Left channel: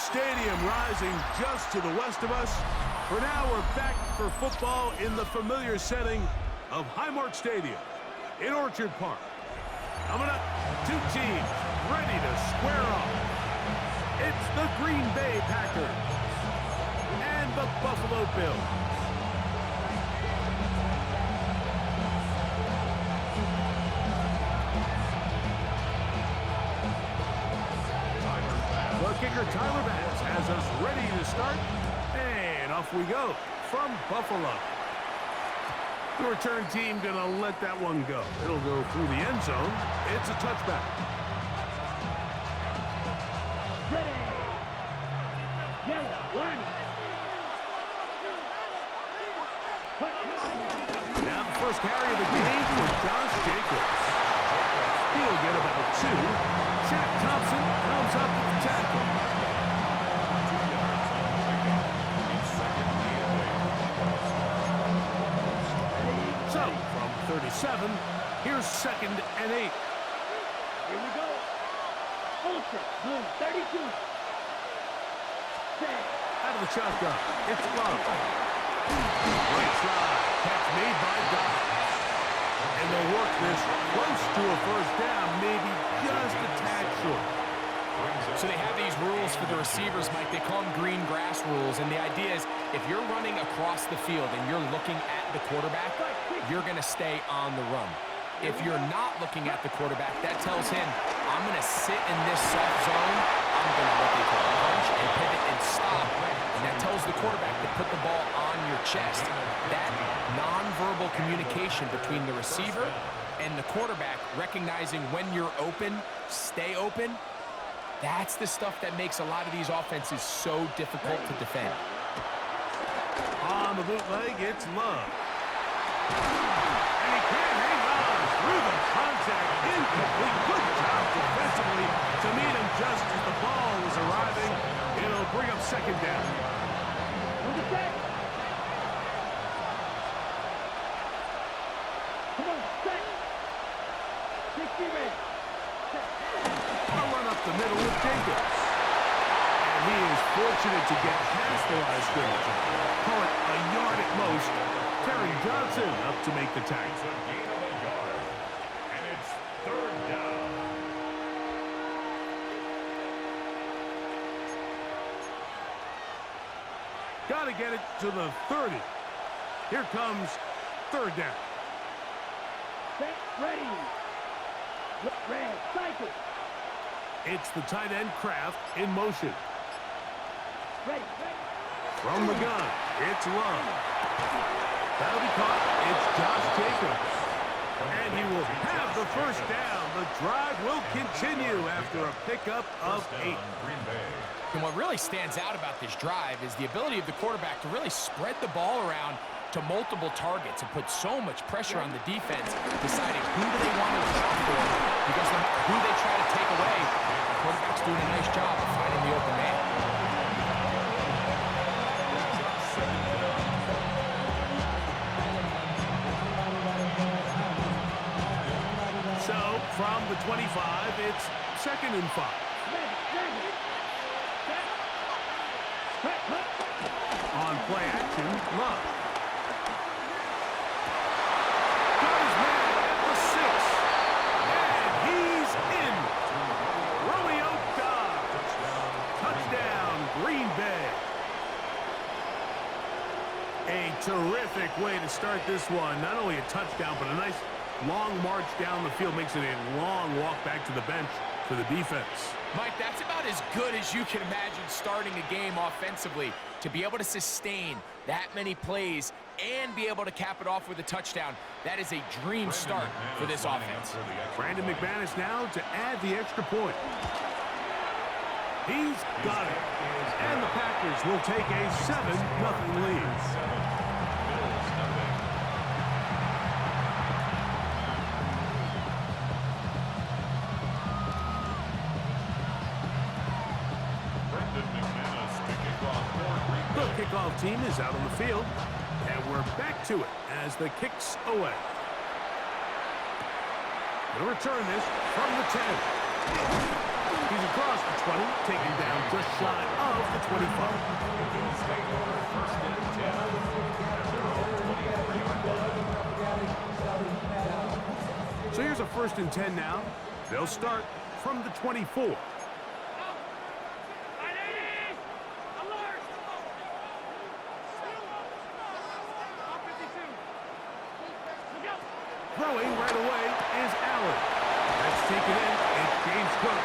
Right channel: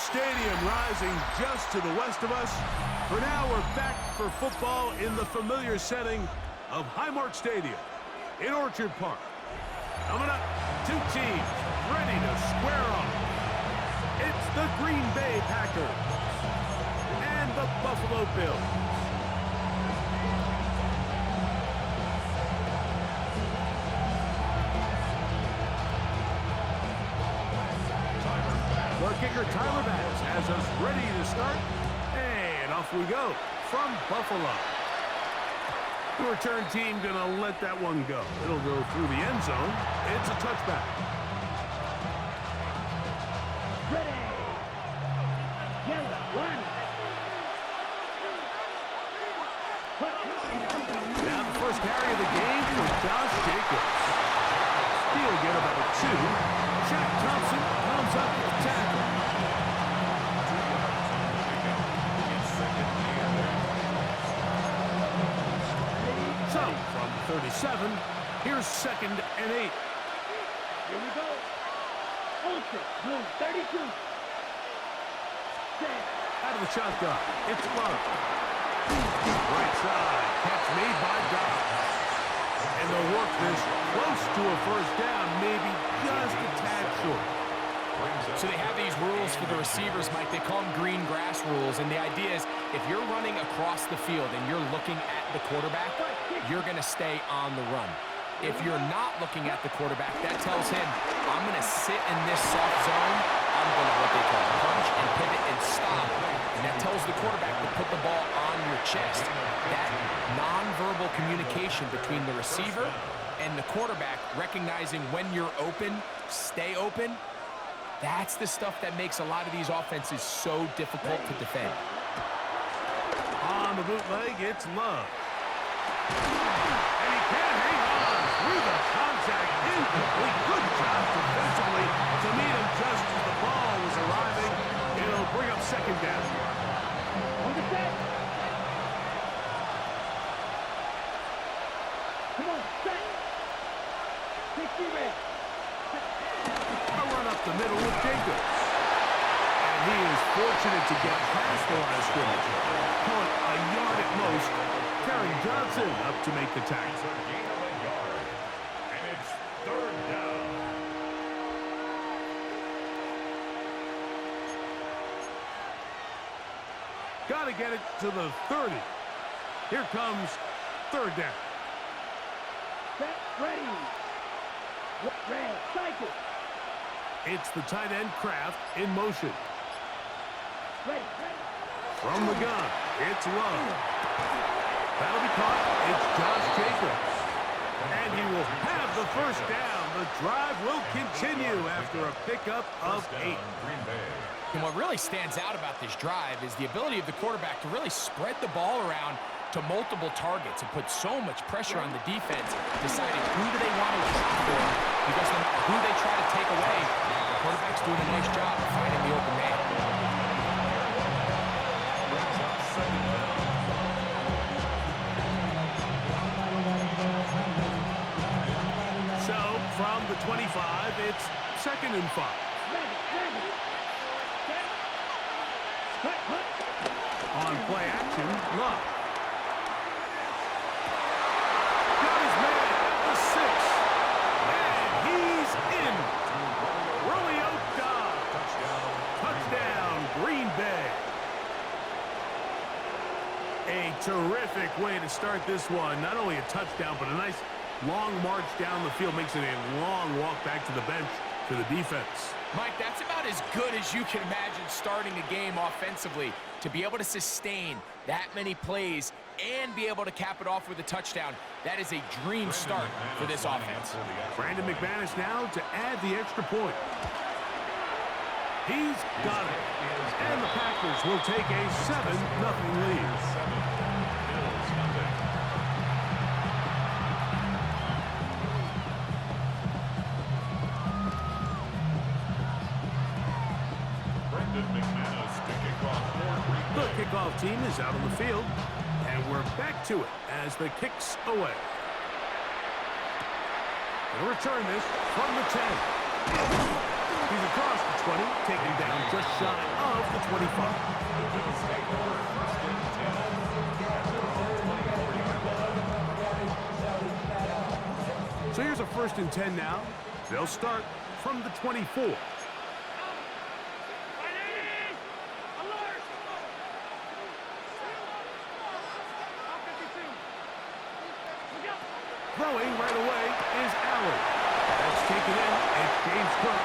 Stadium rising just to the west of us. For now, we're back for football in the familiar setting of Highmark Stadium in Orchard Park. Coming up, two teams ready to square off. It's the Green Bay Packers and the Buffalo Bills. The kicker, Tyler Bass, has us ready to start. And off we go from Buffalo. The return team going to let that one go. It'll go through the end zone. It's a touchback. Ready. Yellow, one. Now the first carry of the game for Josh Jacobs. He'll get about two. Shaq Thompson comes up with the tackle. 2 yards on the pickup. It's second and 8. So, from 37, here's 2nd and 8. Here we go. Ultra Blue 32. Set. Out of the shotgun, it's Love. Right side, catch made by Dobbs. And they'll work this close to a first down, maybe just a tad short. So they have these rules for the receivers, Mike. They call them green grass rules. And the idea is if you're running across the field and you're looking at the quarterback, you're going to stay on the run. If you're not looking at the quarterback, that tells him, I'm going to sit in this soft zone. I'm going to, what they call, punch and pivot and stop. And that tells the quarterback to put the ball on your chest. That nonverbal communication between the receiver and the quarterback, recognizing when you're open, stay open, that's the stuff that makes a lot of these offenses so difficult to defend. On the bootleg, it's Love. And he can't hang on through the contact. Incomplete. Good job defensively to meet him just as the ball was arriving. It'll bring up 2nd down. On the set. Come on, set. 60 red. A run up the middle with Jacobs. And he is fortunate to get past the line of scrimmage. Call it a yard at most. Terry Johnson up to make the tackle. It's a gain of a yard. And it's 3rd down. Got to get it to the 30. Here comes 3rd down. Set, ready. Red, cycle. It's the tight end Kraft in motion. Ready, ready. From the gun, it's Love. That'll be caught. It's Josh Jacobs. And he will have the first down. The drive will continue after a pickup of 8. Green Bay. And what really stands out about this drive is the ability of the quarterback to really spread the ball around to multiple targets and put so much pressure on the defense, deciding who do they want to account for, because no matter who they try to take away, the quarterback's doing a nice job of finding the open man. So, from the 25, it's 2nd and 5. Ready, ready. Set. Hut, hut. On play action, Love. Got his man at the 6. And he's in. Romeo Dobbs. Touchdown, Green Bay. A terrific way to start this one. Not only a touchdown, but a nice long march down the field. Makes it a long walk back to the bench for the defense. Mike, that's about as good as you can imagine starting a game offensively. To be able to sustain that many plays and be able to cap it off with a touchdown, that is a dream start for this offense. Brandon McManus now to add the extra point. He's got it. And the Packers will take a 7-0 lead. 7, Bills nothing. Brandon McManus to kick off for Green The Bay. kickoff team is out on the field, and we're back to it as the kick's away. Gonna return this from the 10. He's across the 20, taken down just shy of the 25. The Bills take over first and 10 at their own 24-yard line. So here's a first and 10 now. They'll start from the 24. Throwing right away is Allen. That's taken in. It's James Cook.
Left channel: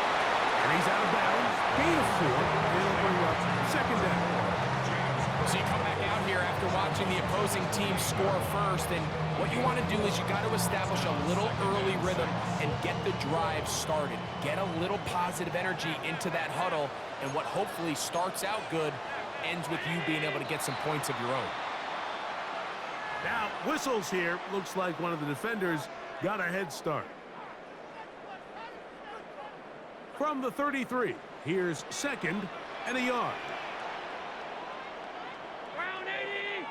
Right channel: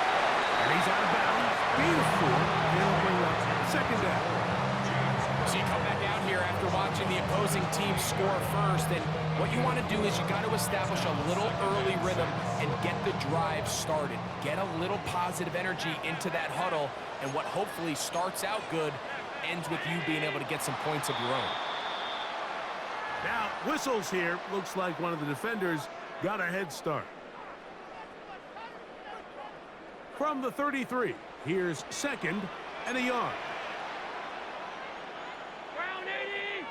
And he's out of bounds. Gain of 4. And it'll bring up second down. So you come back out here after watching the opposing team score first, and what you want to do is you got to establish a little early rhythm and get the drive started. Get a little positive energy into that huddle, and what hopefully starts out good ends with you being able to get some points of your own. Now, whistles here. Looks like one of the defenders got a head start. From the 33, here's second and a yard. Round 80!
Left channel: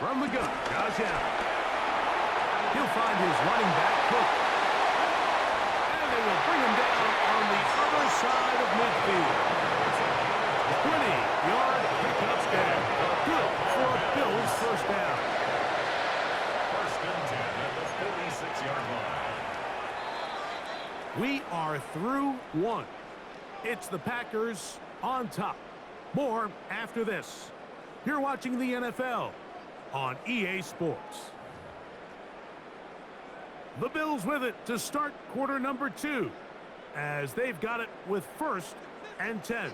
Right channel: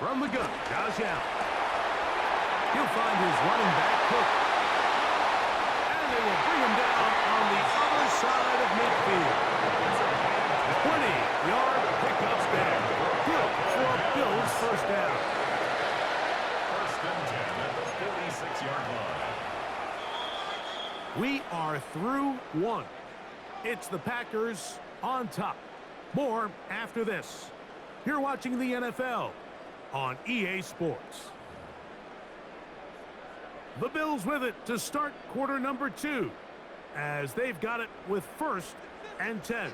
From the gun, Josh Allen. He'll find his running back, Cook. And they will bring him down on the other side of midfield. 20-yard pickup there. Good for a Bills first down. First and 10 at the 46-yard line. We are through one. It's the Packers on top. More after this. You're watching the NFL on EA Sports. The Bills with it to start quarter number 2, as they've got it with first and 10.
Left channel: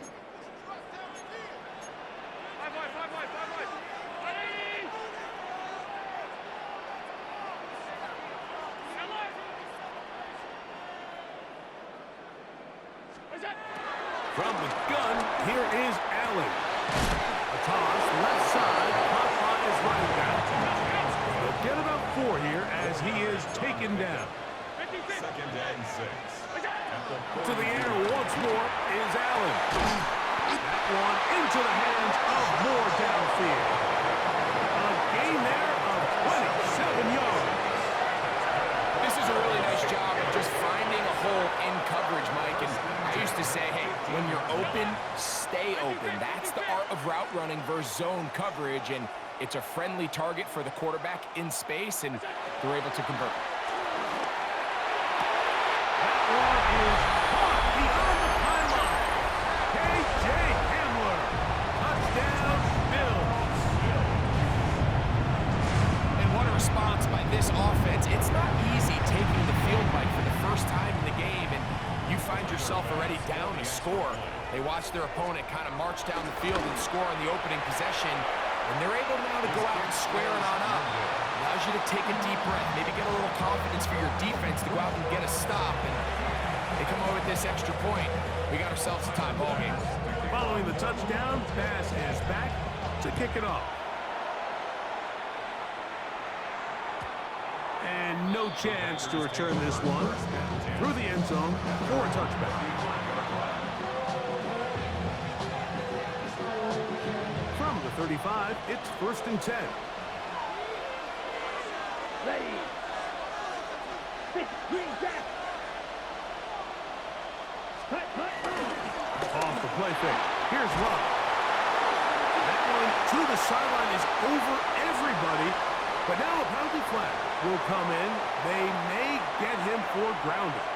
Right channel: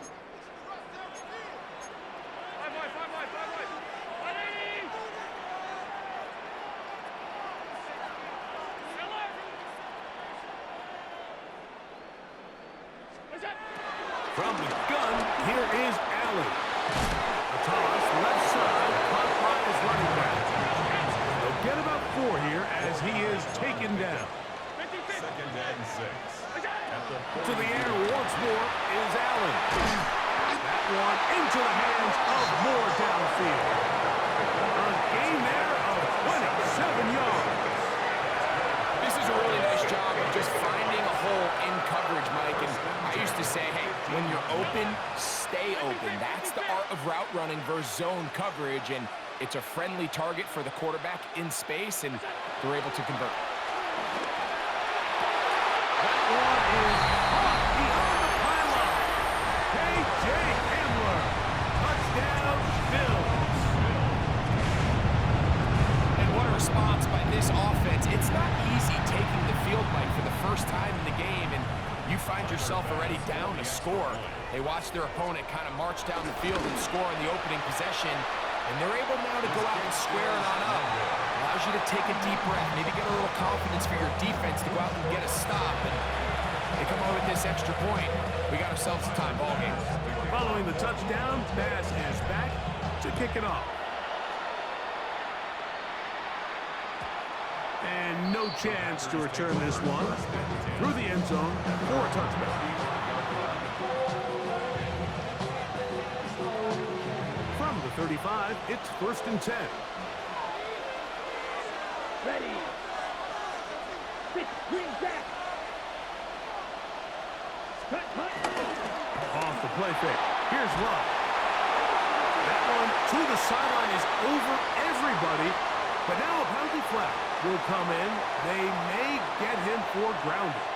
From the gun, here is Allen. A toss, left side, caught by his running back. They'll get about 4 here as he is taken down. Second and 6. To the air once more is Allen. That one into the hands of Moore downfield. A gain there of 27 yards. This is a really nice job of just finding a hole in coverage, Mike. And I used to say, hey, when you're open, stay open. That's the art of route running versus zone coverage. And it's a friendly target for the quarterback in space, and they're able to convert. That one is caught beyond the pylon. K.J. Hamler. Touchdown, Bills. And what a response by this offense. It's not easy taking the field, Mike, for the first time in the game, and you find yourself already down to score. They watch their opponent kind of march down the field and score on the opening possession, and they're able now to go out and square it on up. Allows you to take a deep breath, maybe get a little confidence for your defense to go out and get a stop, and they come over with this extra point. We got ourselves a tie ball game. Following the touchdown, Bass is back to kick it off. And no chance to return this one through the end zone for a touchback. From the 35, it's first and 10. Ready. Pitch, green jack. Cut. Off the play fake. Here's Love. That one to the sideline is over everybody. But now a penalty flag will come in. They may get him for grounding.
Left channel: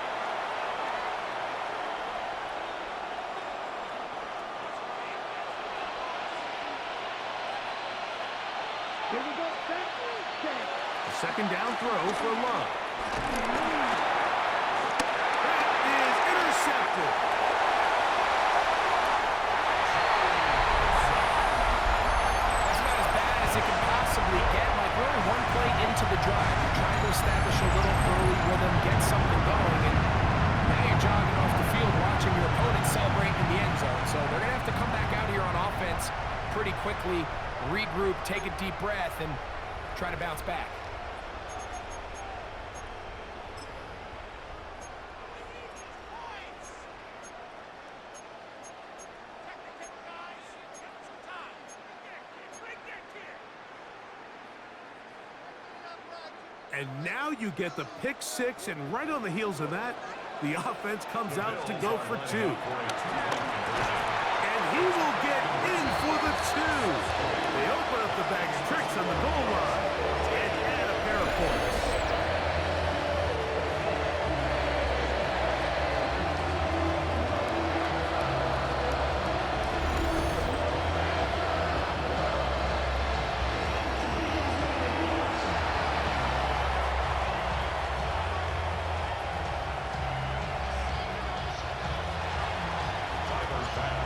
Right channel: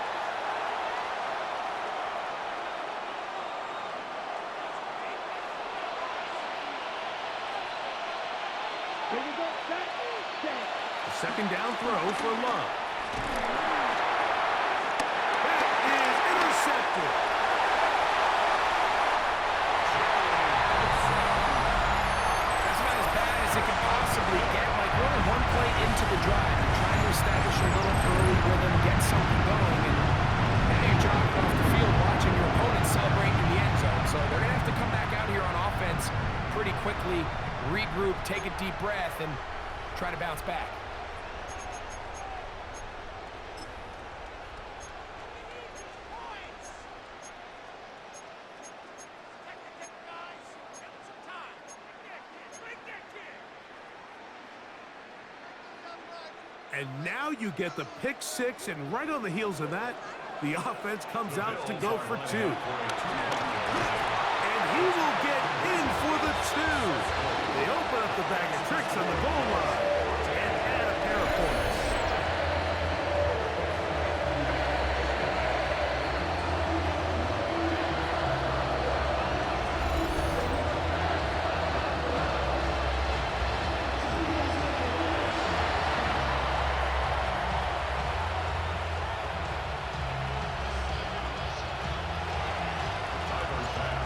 Here we go. Set. A second down throw for Love. That is intercepted. That's about as bad as it can possibly get. Like, we're only one play into the drive. You're trying to establish a little early rhythm, get something going, and now you're jogging off the field watching your opponent celebrate in the end zone. So they're going to have to come back out here on offense pretty quickly, regroup, take a deep breath, and try to bounce back. And now you get the pick six, and right on the heels of that, the offense comes out to go for two. And he will get in for the two. They open up the bag of tricks on the goal line and add a pair of points.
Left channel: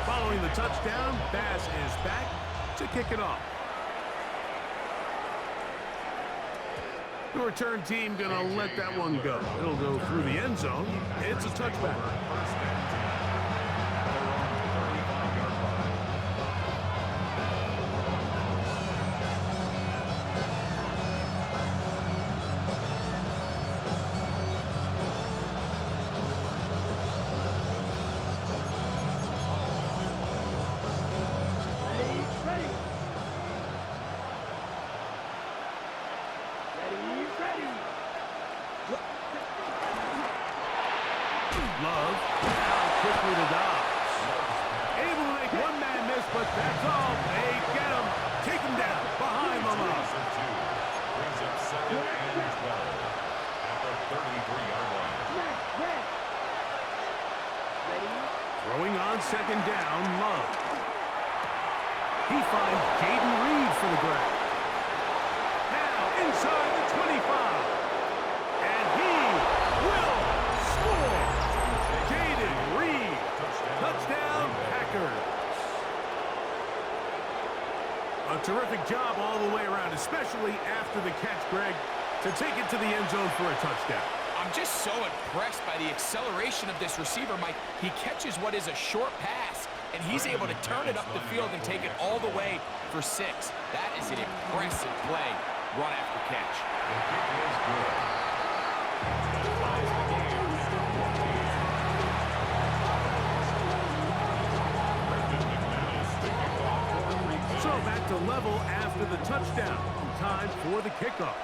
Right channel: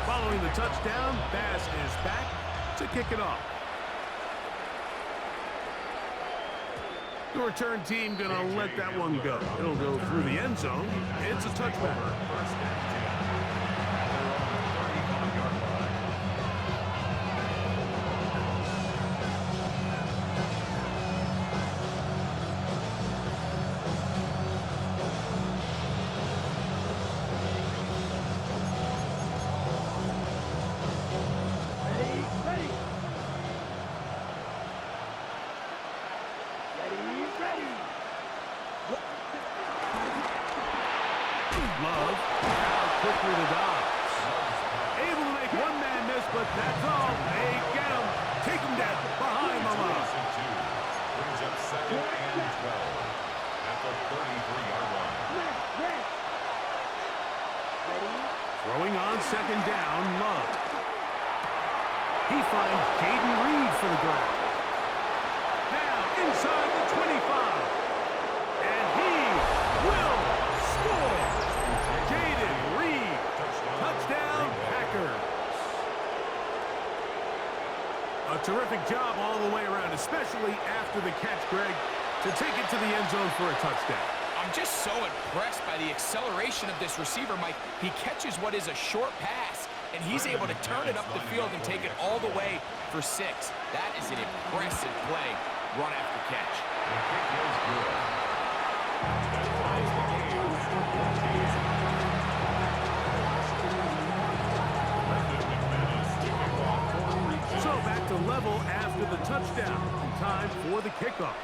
Following the touchdown, Bass is back to kick it off. The return team gonna let that one go. It'll go through the end zone. It's a touchback. First and 10 at their own 35-yard line. Love, out quickly to Dobbs. Able to make one man miss, but that's all. They get him, take him down, behind the line. Brings up second and 12 at the 33-yard line. Throwing on second down, Love. He finds Jaden Reed for the grab. Now inside the 25. And he will score. Jaden Reed. Touchdown, Packers. A terrific job all the way around, especially after the catch, Greg, to take it to the end zone for a touchdown. I'm just so impressed by the acceleration of this receiver, Mike. He catches what is a short pass, and he's able to turn it up the field and take it all the way for 6. That is an impressive play, run after catch. The kick is good. That ties the game at 14. So back to level after the touchdown. Time for the kickoff.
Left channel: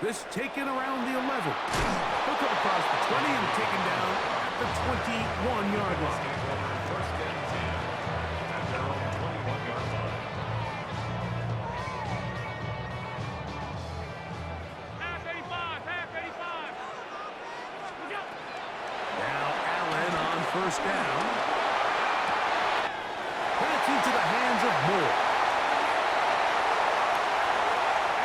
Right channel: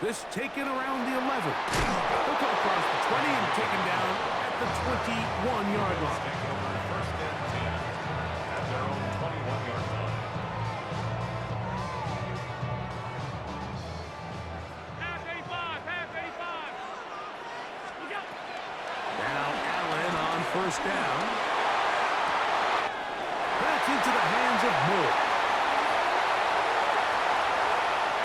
This taken around the 11. He'll come across the 20 and taken down at the 21-yard line. Take over first and 10 at their own 21-yard line. Half 85. Look out. Now Allen on first down. That's into the hands of Moore.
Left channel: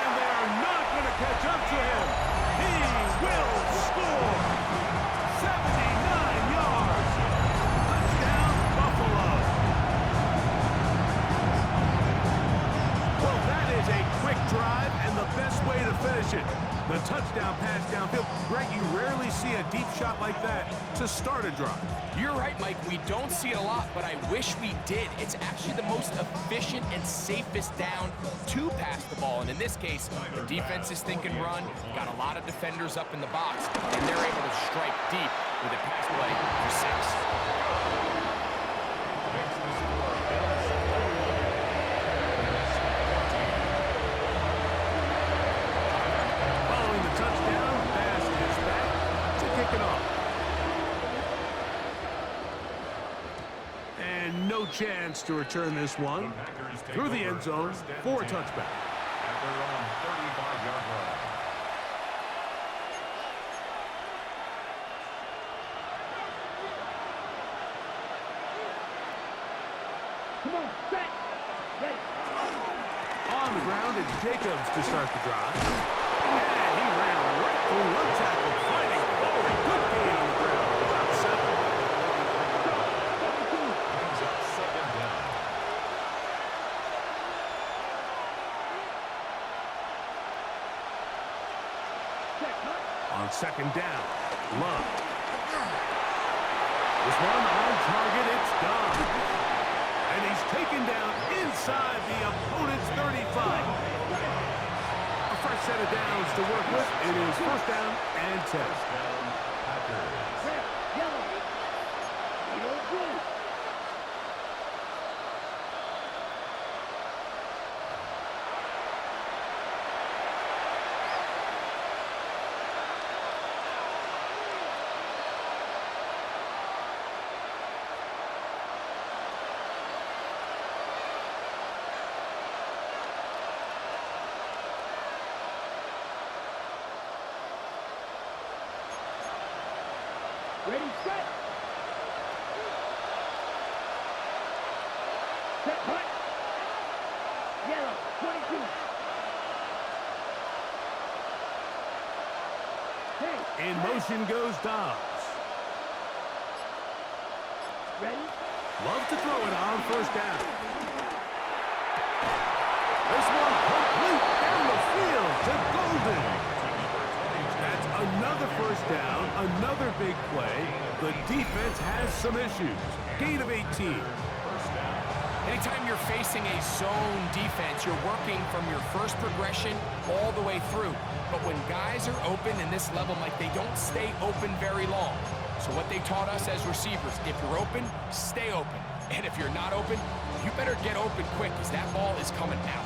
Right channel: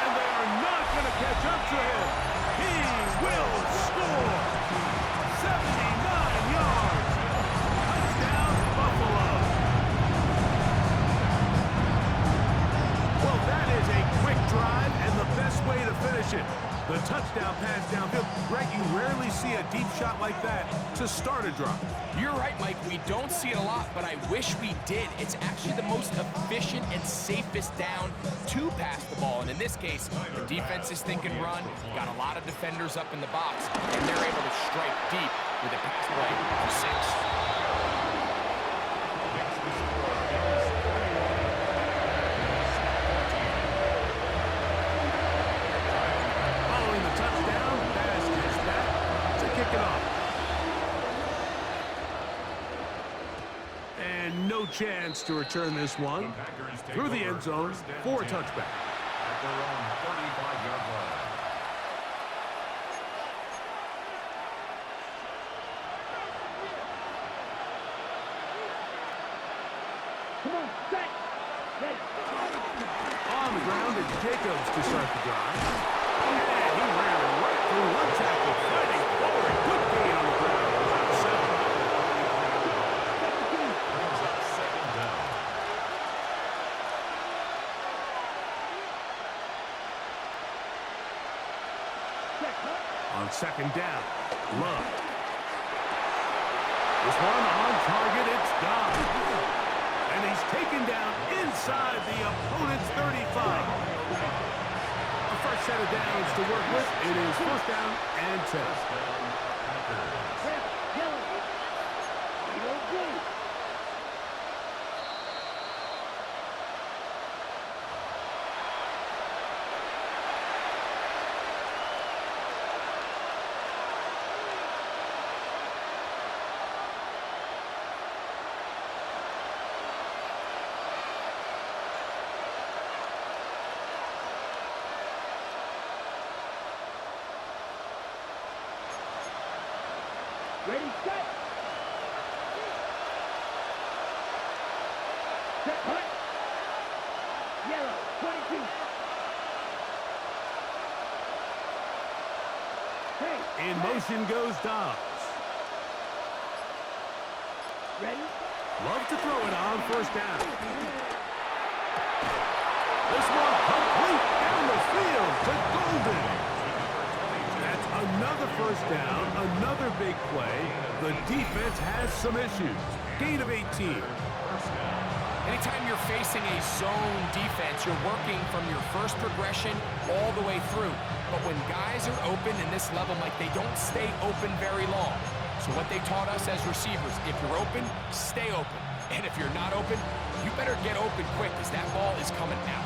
And they are not going to catch up to him. He will score. 79 yards. Touchdown, Buffalo. Well, that is a quick drive and the best way to finish it. The touchdown pass downfield. Greg, you rarely see a deep shot like that to start a drive. You're right, Mike. We don't see it a lot, but I wish we did. It's actually the most efficient and safest down to pass the ball. And in this case, the defense is thinking run, got a lot of defenders up in the box, and they're able to strike deep with a pass play for 6. Makes the score Bills 21. Packers 14. Following the touchdown, Bass is back to kick it off. And no chance to return this one through the end zone for a touchback. At their own 35-yard line. Come on, set. Ready. On the ground, it's Jacobs to start the drive. And he ran right through one tackle, fighting forward. Good gain on the ground. About 7. Brings up second down. On second down, Love. This one on target, it's gone. And he's taken down inside the opponent's 35. A fresh set of downs to work with. It is first down and 10. First down, Packers. Red, yellow. Yellow, blue. Ready, set. Set, hut. Yellow, 22. Hey, In motion goes Dobbs. ready? Love to throw it on first down. This one complete down the field to Golden. That's another first down, another big play. The defense has some issues. Gain of 18. First down. Anytime you're facing a zone defense, you're working from your first progression all the way through. But when guys are open in this level, Mike, they don't stay open very long. So what they taught us as receivers, if you're open, stay open. And if you're not open, you better get open quick because that ball is coming out.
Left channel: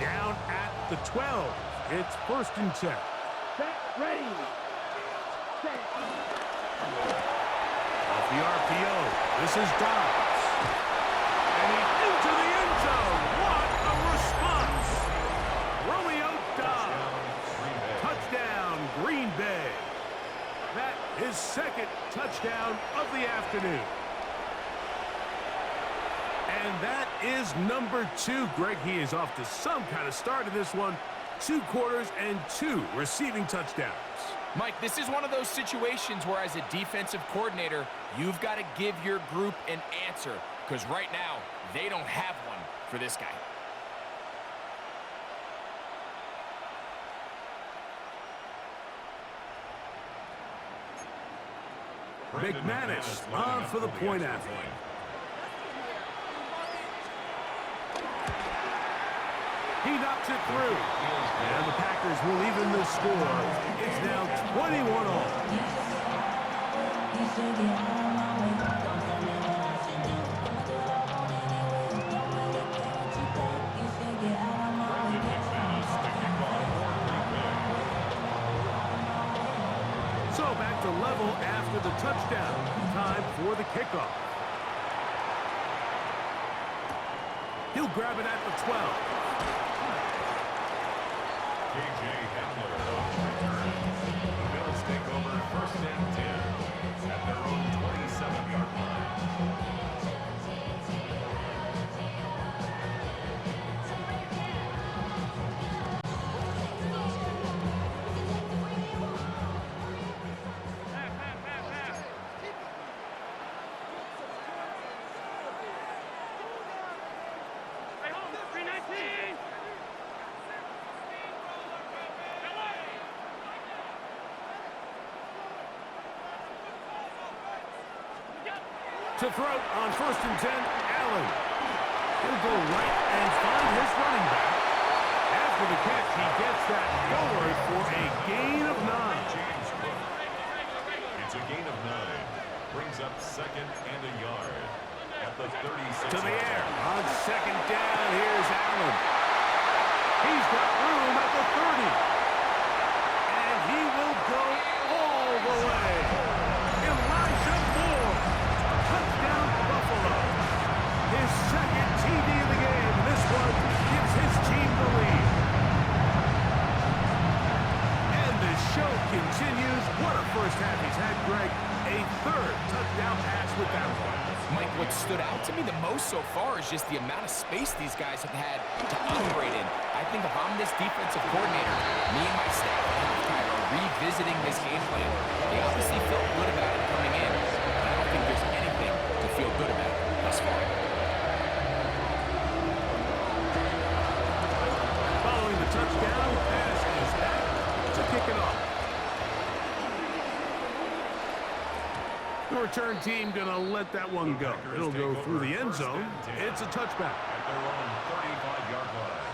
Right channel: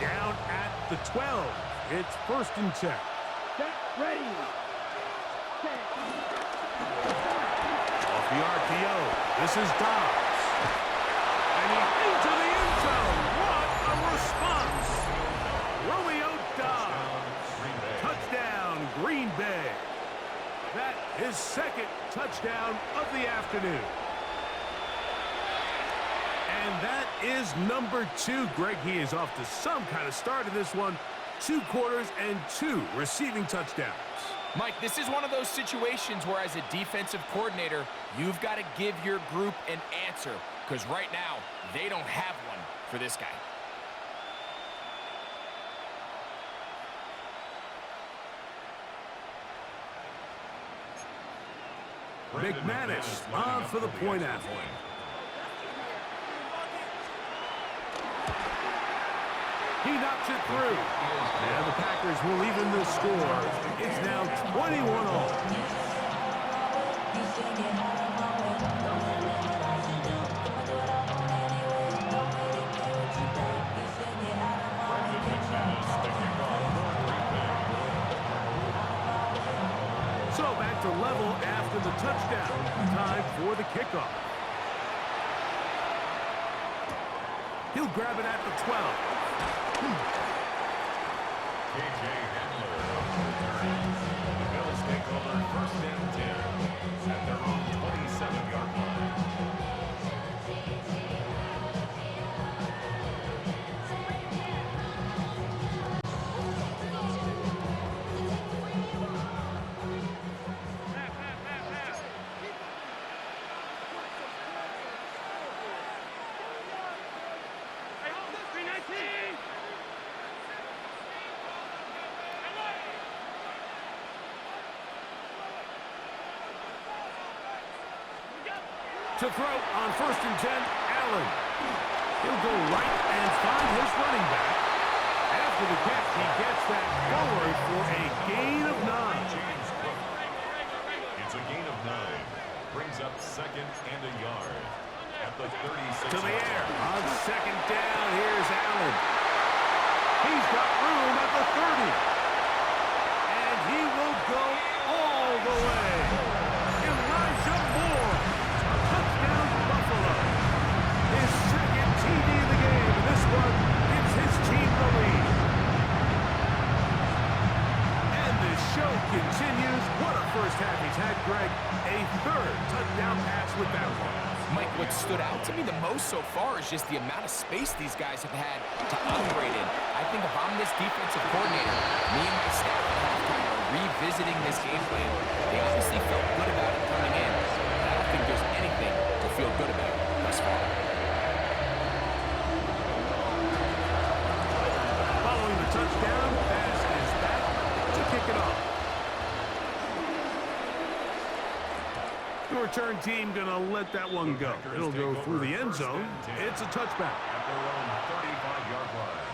Down at the 12. It's first and 10. Set, ready. Set. Off the RPO, this is Dobbs. And he's into the end zone. What a response. Romeo Dobbs. Touchdown, Green Bay. That is second touchdown of the afternoon. And that is number 2. Greg, he is off to some kind of start in this one. 2 quarters and 2 receiving touchdowns. Mike, this is one of those situations where as a defensive coordinator, you've got to give your group an answer because right now, they don't have one for this guy. McManus on for the point after. He knocks it through. And the Packers will even the score. It's now 21 all. So back to level after the touchdown. Time for the kickoff. He'll grab it at the 12. KJ Hamler on the return. The Bills take over first and 10 at their own 27-yard line. To throw on first and 10, Allen. He'll go right and find his running back. After the catch, he gets that forward for a gain of 9. James Cook. It's a gain of 9. Brings up second and a yard at the 36. To the air. On second down, here's Allen. He's got room at the 30. And he will go all the way. Elijah Moore. Touchdown, Buffalo. His second TD of the game. This one gives his team the lead. And the show continues. What a first half he's had, Greg. A third touchdown pass with that one. Mike, what stood out to me the most so far is just the amount of space these guys have had to operate in. I think if I'm this defensive coordinator, me and my staff at halftime are revisiting this game plan. They obviously felt good about it coming in, but I don't think there's anything to feel good about thus far. Following the touchdown, pass is back to kick it off. The return team gonna let that one go. It'll go through the end zone. It's a touchback. At their own 35-yard line.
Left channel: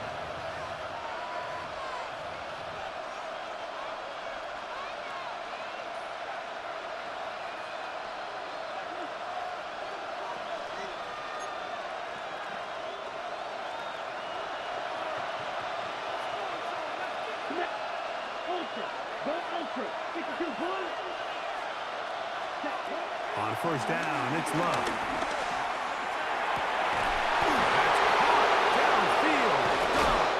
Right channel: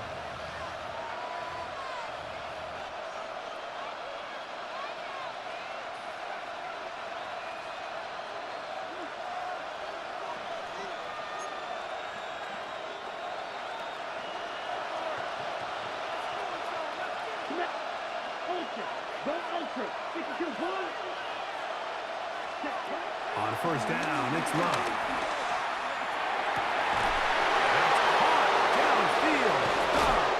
Ultra. Go ultra. 52 points. On first down, it's Love. That's caught down downfield. Dobbs.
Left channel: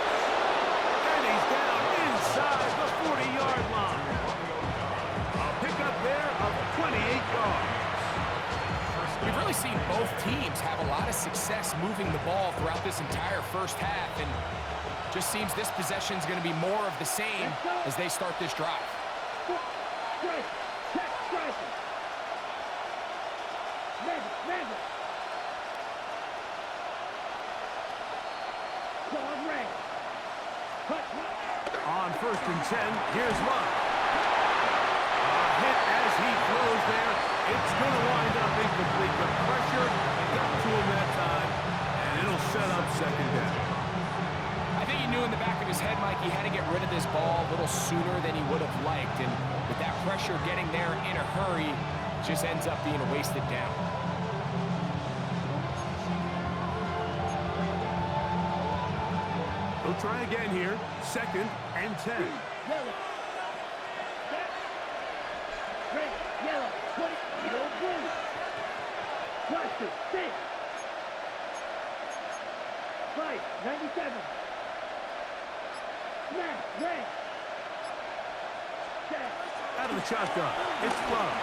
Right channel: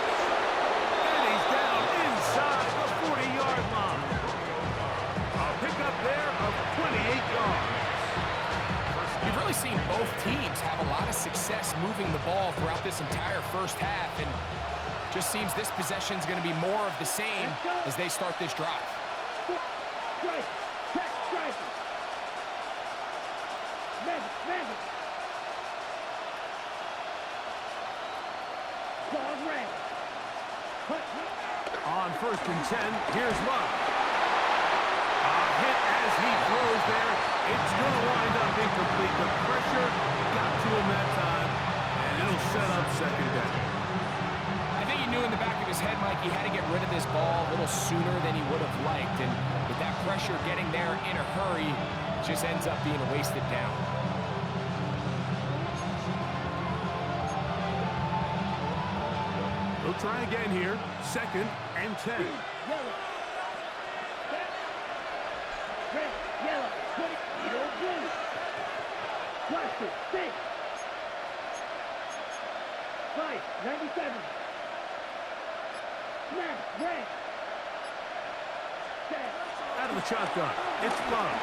And he's down inside the 40-yard line. A pickup there of 28 yards. We've really seen both teams have a lot of success moving the ball throughout this entire first half, and just seems this possession is going to be more of the same as they start this drive. Strike. Check striker. Mega. Dog red. Hut. On 1st and 10, here's Love. A hit as he throws there. It's going to wind up incomplete. The pressure got to him that time, and it'll set up 2nd down. I think he knew in the back of his head, Mike, he had to get rid of this ball a little sooner than he would have liked, and with that pressure getting there in a hurry, it just ends up being a wasted down. He'll try again here. 2nd and 10. Yellow. Set. Red. Yellow. 20. Yellow. Blue. Cluster. 6. 5. 97. Smash. Red. Set. Out of the shotgun. It's Love.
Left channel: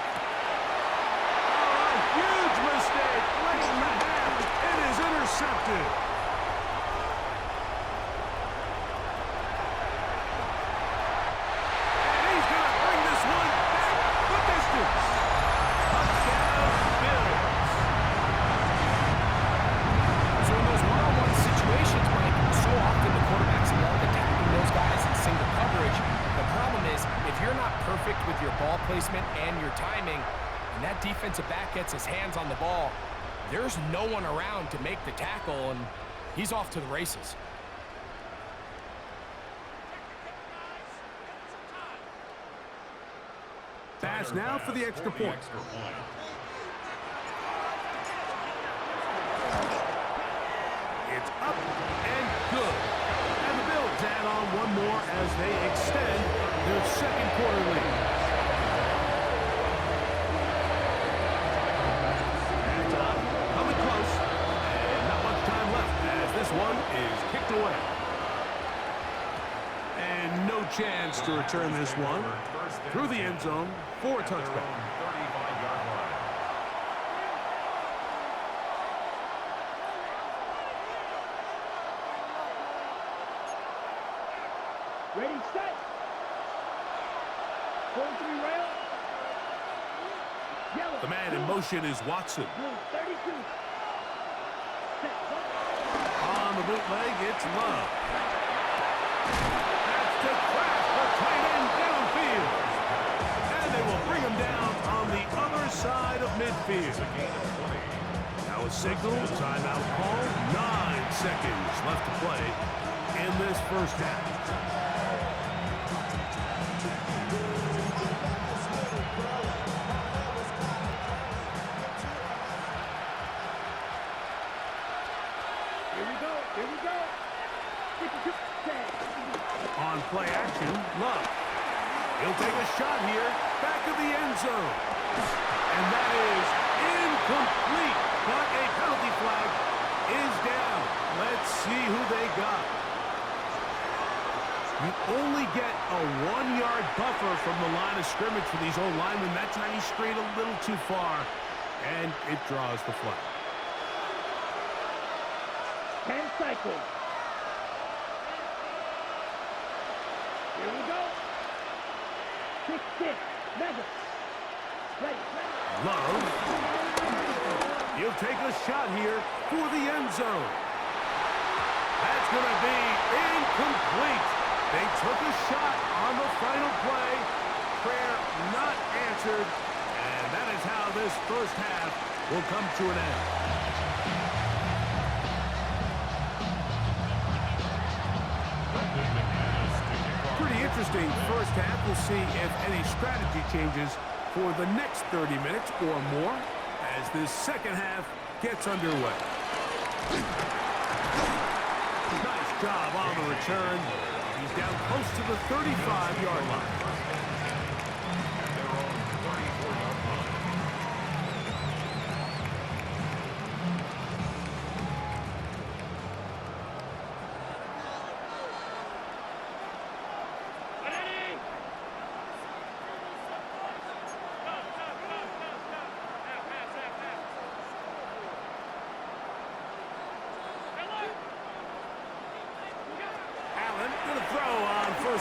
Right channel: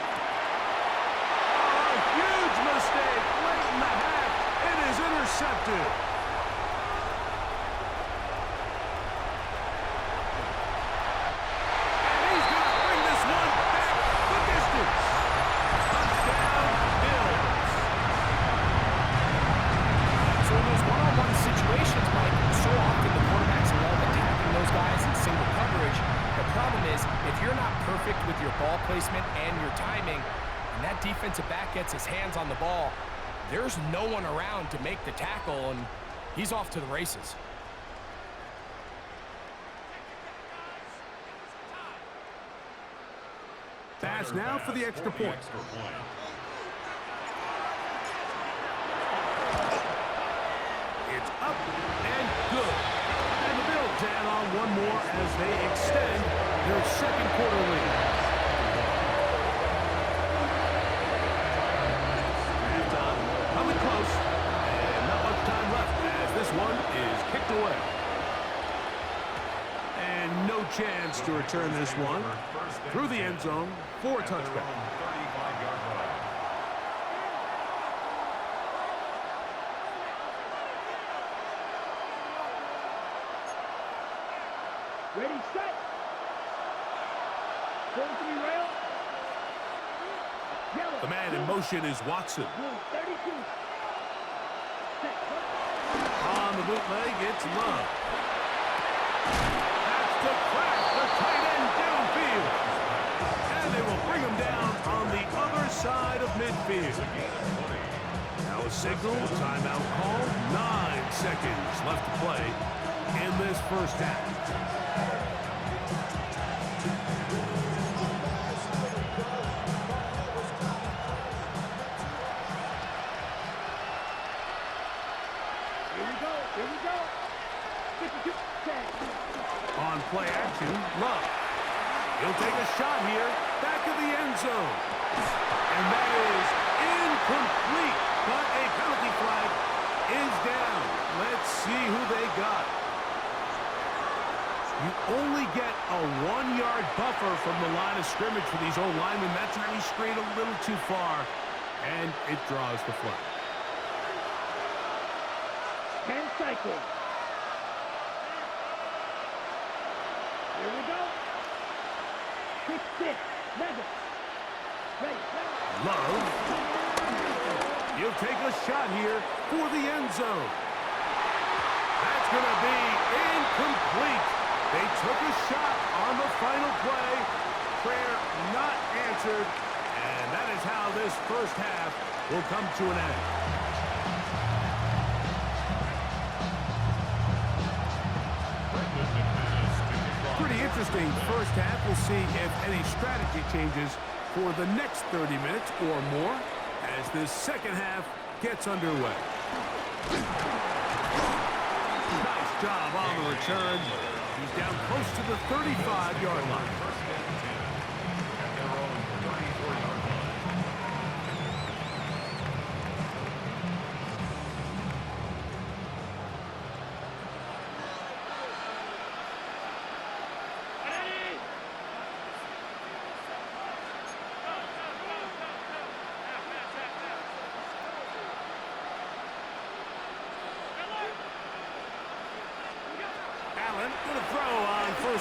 Oh, a huge mistake late in the half. It is intercepted. And he's going to bring this one back the distance. Touchdown, Bills. So in those one-on-one situations, Mike, so often the quarterbacks love attacking those guys in single coverage. The problem is, if you're not perfect with your ball placement and your timing, and that defensive back gets his hands on the ball, there's no one around to make the tackle, and he's off to the races. Pass now for the extra point. It's up and good. And the Bills add on one more as they extend their 2nd quarter lead. Halftime coming close, and not much time left as this one is kicked away. And no chance to return this one through the end zone for a touchback. 35-yard line. Ready, set. 43 rail. Yellow. The man in motion is Watson. Blue, 32. Set. On the bootleg, it's Love. That's to Kraft, the tight end downfield. And they will bring him down on the other side of midfield. Now a signal, timeout call. 9 seconds left to play in this first half. Here we go. 52. On play action, Love. He'll take a shot here, back of the end zone. And that is incomplete, but a penalty flag is down. Let's see who they got. You only get a 1-yard buffer from the line of scrimmage for these old linemen. That time he strayed a little too far, and it draws the flag. 10 cycles. Here we go. 6-6. Mega. Ready. Love. He'll take a shot here for the end zone. That's going to be incomplete. They took a shot on the final play. Prayer not answered. And that is how this first half will come to an end. Pretty interesting first half. We'll see if any strategy changes for the next 30 minutes or more as this second half gets underway. Nice job on the return. He's down close to the 35-yard line. First and 10 at their own 34-yard line.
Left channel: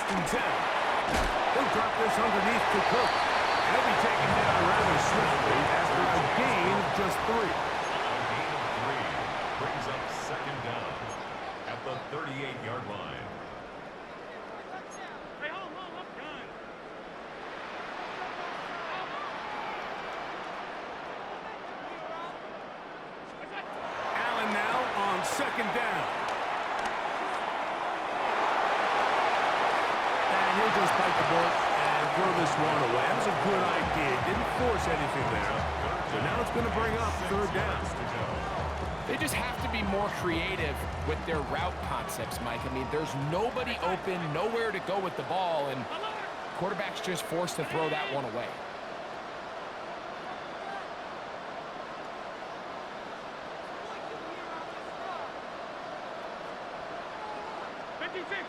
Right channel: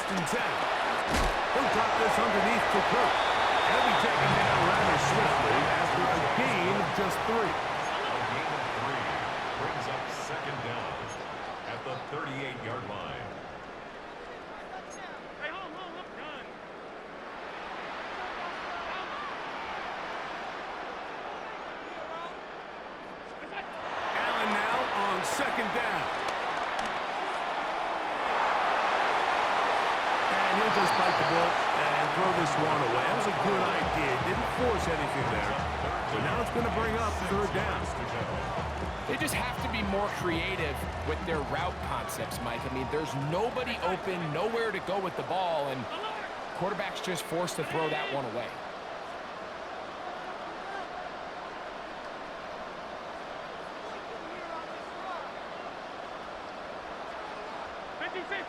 First and 10. He'll drop this underneath to Cook. And he'll be taken down rather swiftly after a gain of just 3. A gain of 3 brings up second down at the 38-yard line. Hey, home, I'm done. Allen now on second down. And he'll just bite the bullet and throw this one away. That was a good idea. Didn't force anything there. So now it's going to bring up third down. They just have to be more creative with their route concepts, Mike. I mean, there's nobody open, nowhere to go with the ball, and quarterback's just forced to throw that one away. 56.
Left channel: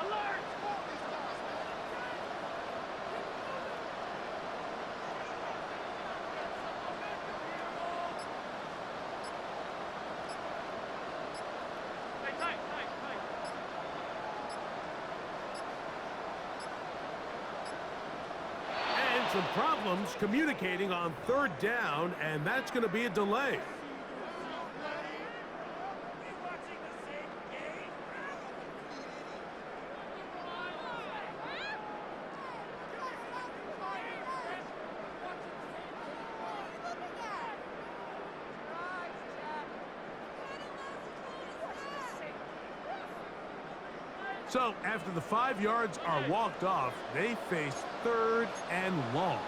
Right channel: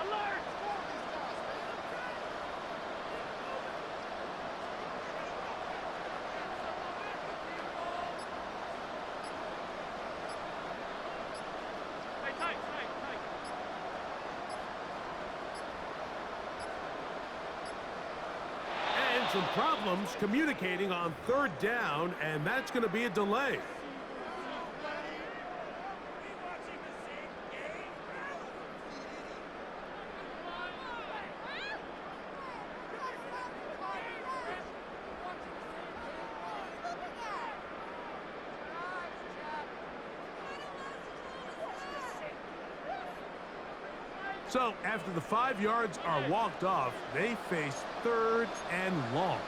Alert! Hey, tight. And some problems communicating on third down, and that's going to be a delay. So, after the 5 yards are walked off, they face third and long.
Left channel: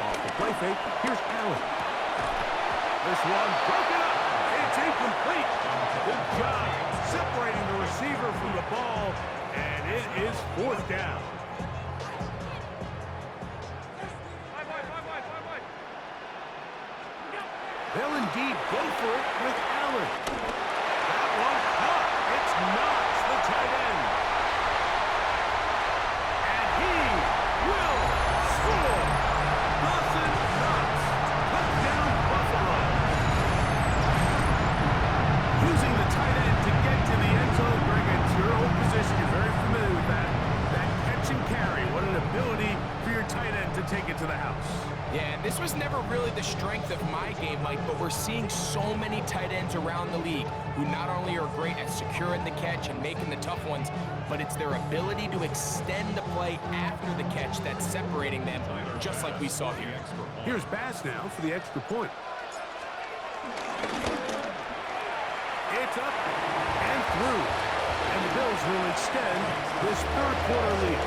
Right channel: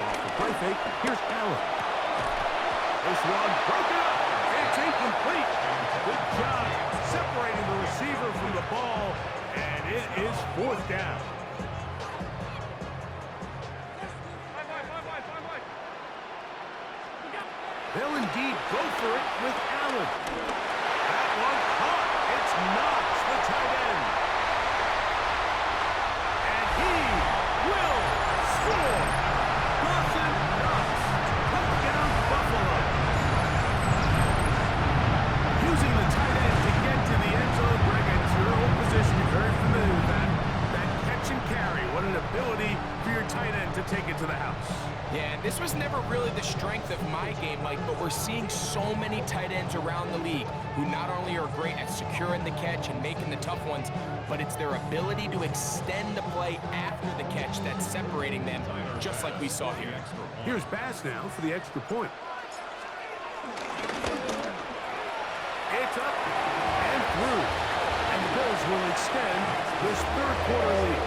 Off the play fake, here's Allen. This one broken up. It's incomplete. Good job separating the receiver from the ball, and it is fourth down. They'll indeed go for it with Allen. That one caught. It's Knox, the tight end. And he will score. Dawson Knox. Touchdown, Buffalo. Using the tight end to get to the end zone, Greg, it's your old position. You're very familiar with that. That catch and carry. What an ability for your tight end to take it to the house. Yeah, and this was never really the strength of my game, Mike, but we're seeing so many tight ends around the league who not only are great at securing the catch and making the tough ones, but it's their ability to extend the play after the catch that's separating them, just like we saw here. Here's Bass now for the extra point. It's up and through. And the Bills will extend this third quarter lead.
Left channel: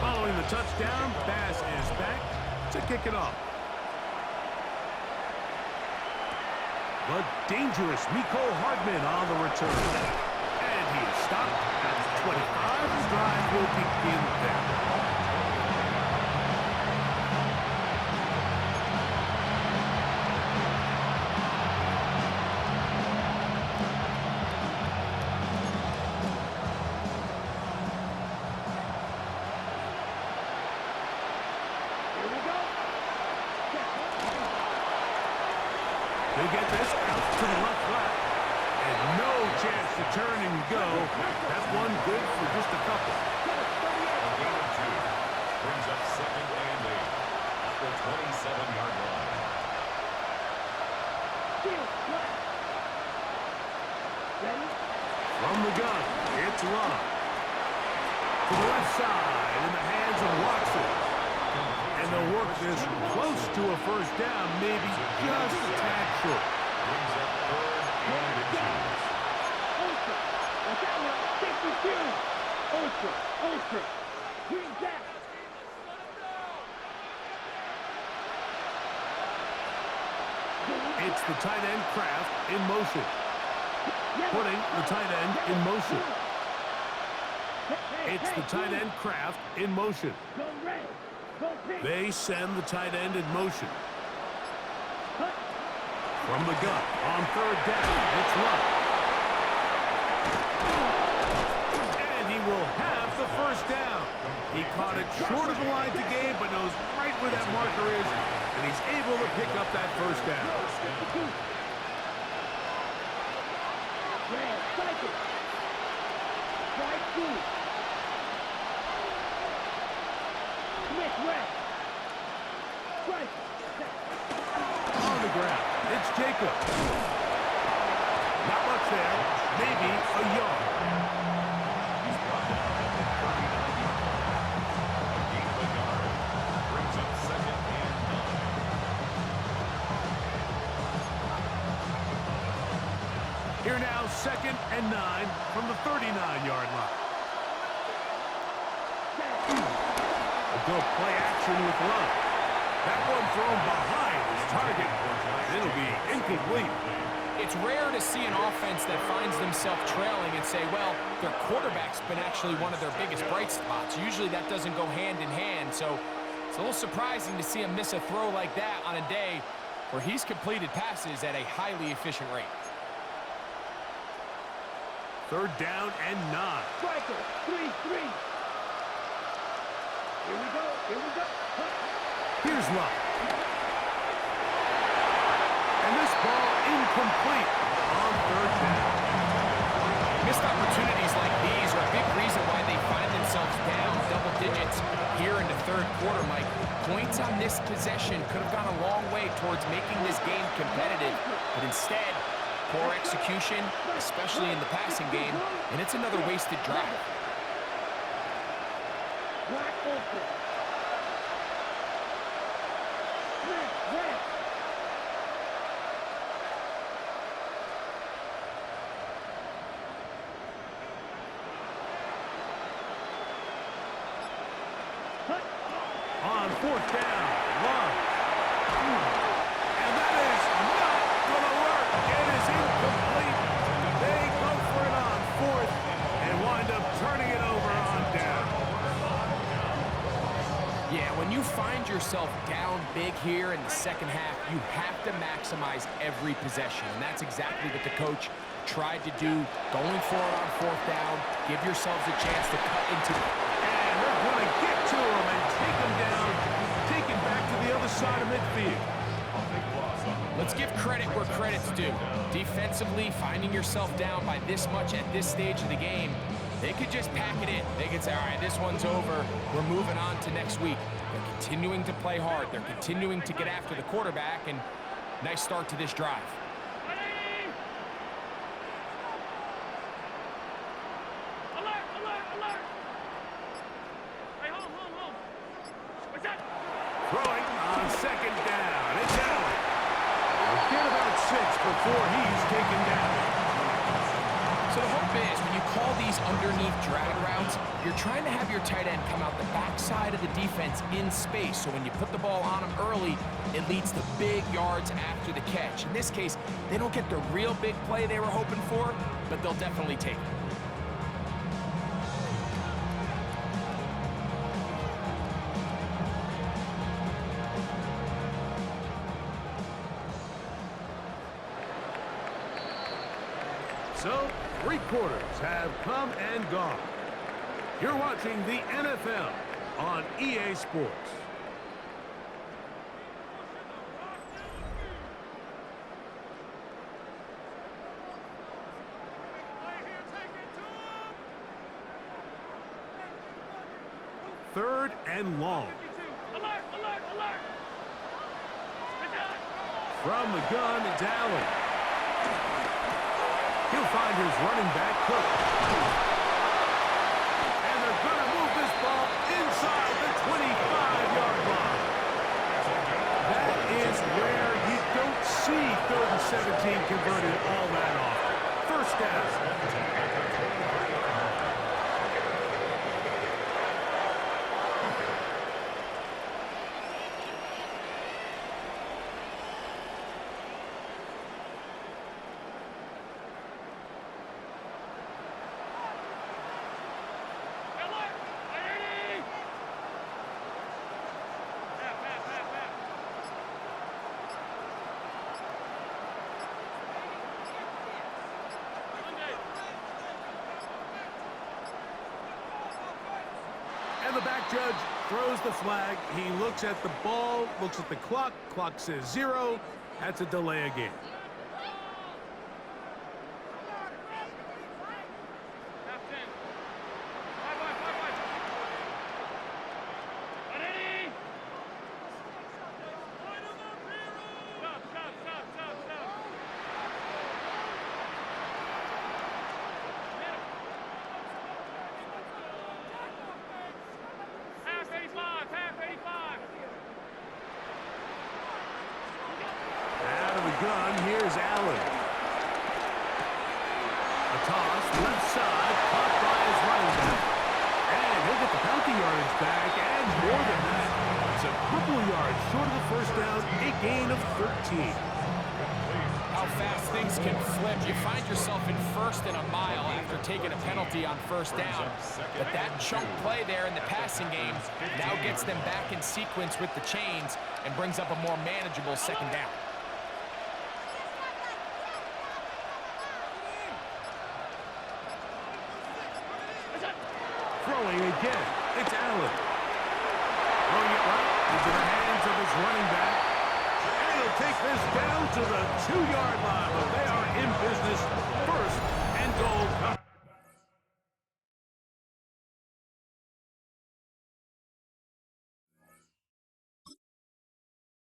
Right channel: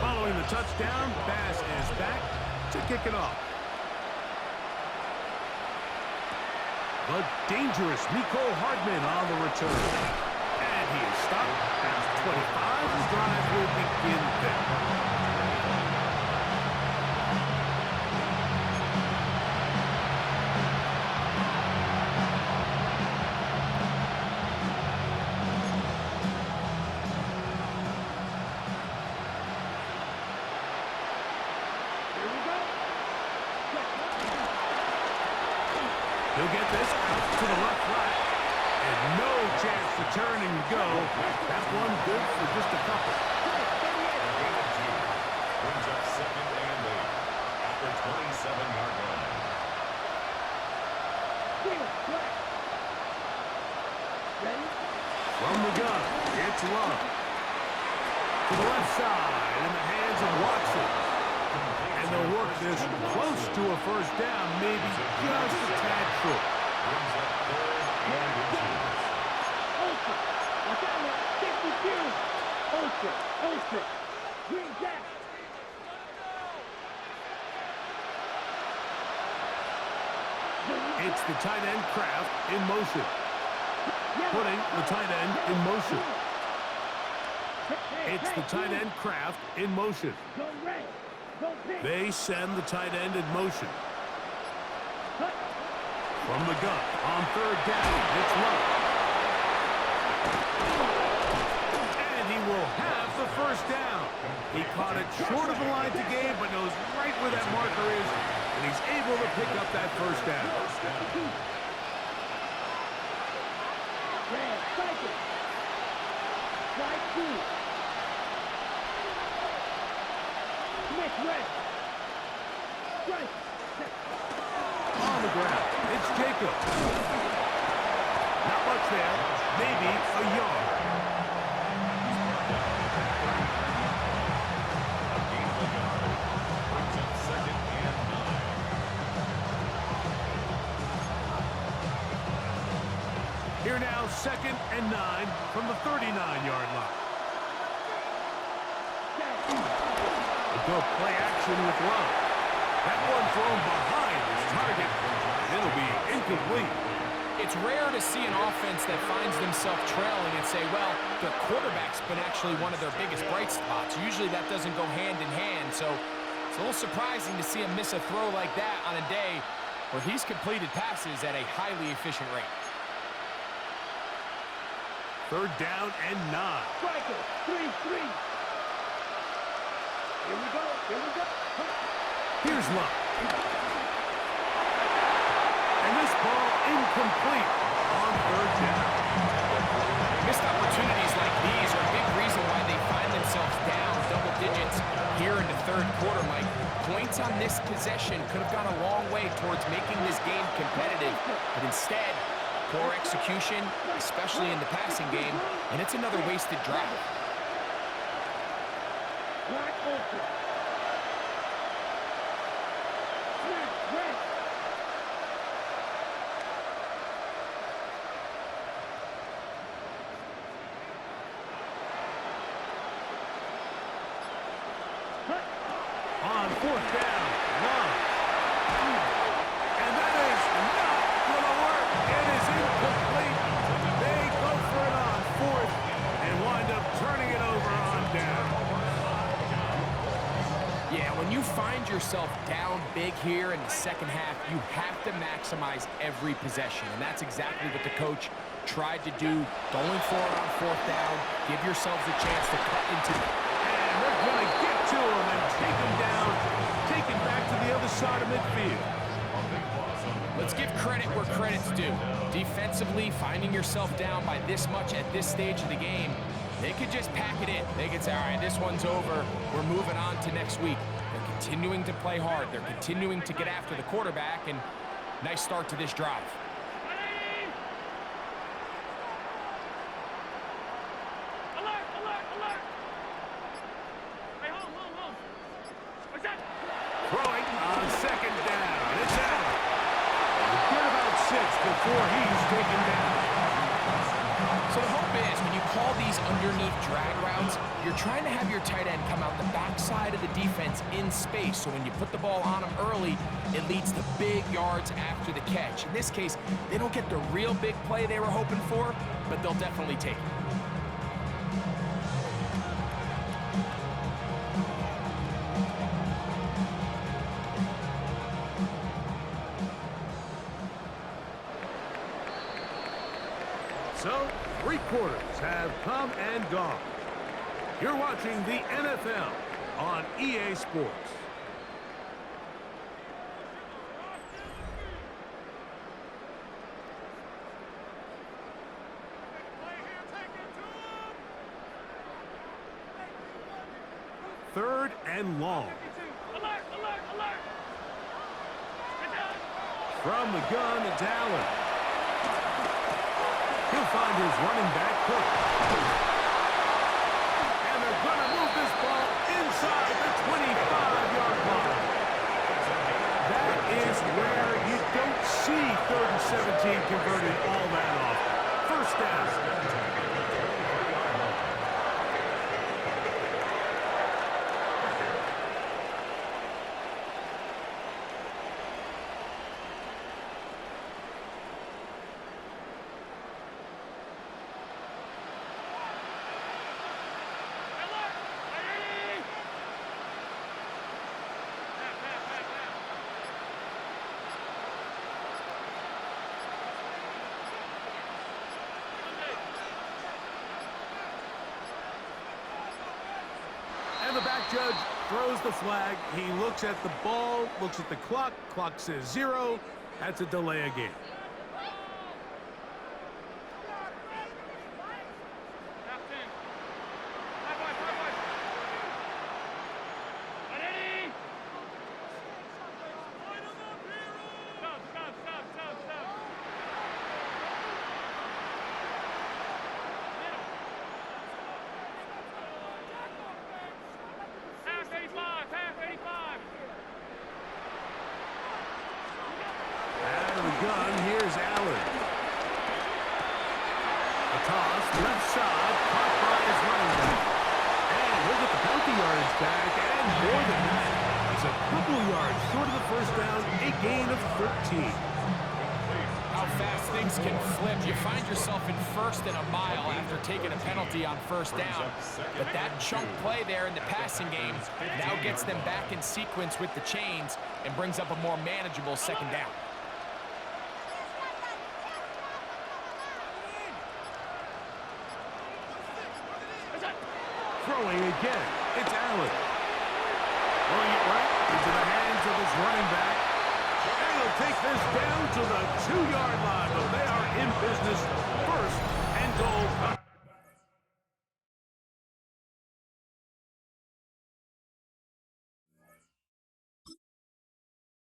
Following the touchdown, Bass is back to kick it off. The dangerous Mecole Hardman on the return. And he is stopped at 25. The drive will begin there. He'll get this out to the left flat. And no chance to turn and go. That one good for just a couple. A gain of 2 brings up second and 8 at the 27-yard line. Ready? From the gun, it's Love. To the left side in the hands of Watson. And they'll work this close to a first down, maybe just a tad short. Brings up third and inches. Ultra. Watch out now. 52. Ultra. Green Jack. It's Kraft in motion. Putting the tight end in motion. It's the tight end Kraft in motion. They send the tight end in motion. From the gun on third down, it's Luck. And he will have the first down. He caught it short of the line to gain, but knows right where that marker is, and he's able to pick up that first down. Red, cycle. Strike two. Smith, red. Strike. On the ground, it's Jacob. Not much there, maybe a yard. He's brought down at the 39-yard line. A gain of a yard brings up 2nd and 9. Here now, 2nd and 9 from the 39-yard line. A go play action with Love. That one thrown behind his target, and it'll be incomplete. It's rare to see an offense that finds themselves trailing and say, well, their quarterback's been actually one of their biggest bright spots. Usually that doesn't go hand in hand, so it's a little surprising to see him miss a throw like that on a day where he's completed passes at a highly efficient rate. 3rd down and 9. Striker, 3-3. Here we go, here we go. Here's Luck. And this ball incomplete on 3rd down. Missed opportunities like these are a big reason why they find themselves down double digits here in the 3rd quarter, Mike. Points on this possession could have gone a long way towards making this game competitive, but instead, poor execution, especially in the passing game, and it's another wasted drive. Black open. Smith, red. On 4th down, Love. And that is not going to work. It is incomplete. They go for it on 4th and wind up turning it over on down. Yeah, when you find yourself down big here in the second half, you have to maximize every possession, and that's exactly what the coach tried to do, going for it on 4th down. Give yourselves a chance to cut into And they're going to get to him and take him down, take him back to the other side of midfield. Let's give credit where credit's due. Defensively, finding yourself down by this much at this stage of the game, they could just pack it in. They could say, all right, this one's over. We're moving on to next week. They're continuing to play hard. They're continuing to get after the quarterback, and nice start to this drive. Alert, alert, alert. Hey, hold. What's that? Throwing on 2nd down. It's Allen. We'll get about 6 before he's taken down. So the hope is when you call these underneath drag routes, you're trying to have your tight end come out the backside of the defense in space. So when you put the ball on him early, it leads to big yards after the catch. In this case, they don't get the real big play they were hoping for, but they'll definitely take it. So, 3 quarters have come and gone. You're watching the NFL on EA Sports. Third and long. Alert, alert, alert. From the gun, it's Allen. He'll find his running back, Cook. And they're going to move this ball inside the 25-yard line. That is where you don't see 3rd and 17 converted all that often. First down. And the back judge throws the flag. He looks at the ball, looks at the clock. Clock says 0. That's a delay of game. Out of the gun, here's Allen. A toss, left side, caught by his running back. And he'll get the penalty yardage back, and more than that. He's a couple yards short of the first down, a gain of 13. How fast things can flip. You find yourself in first and a mile after taking a penalty on first down. But that chunk play there in the passing game now gets them back in sequence with the chains and brings up a more manageable second down. Throwing again, it's Allen. Throwing it right into the hands of his running back. And he'll take this down to the 2-yard line, but they are in business. First and goal.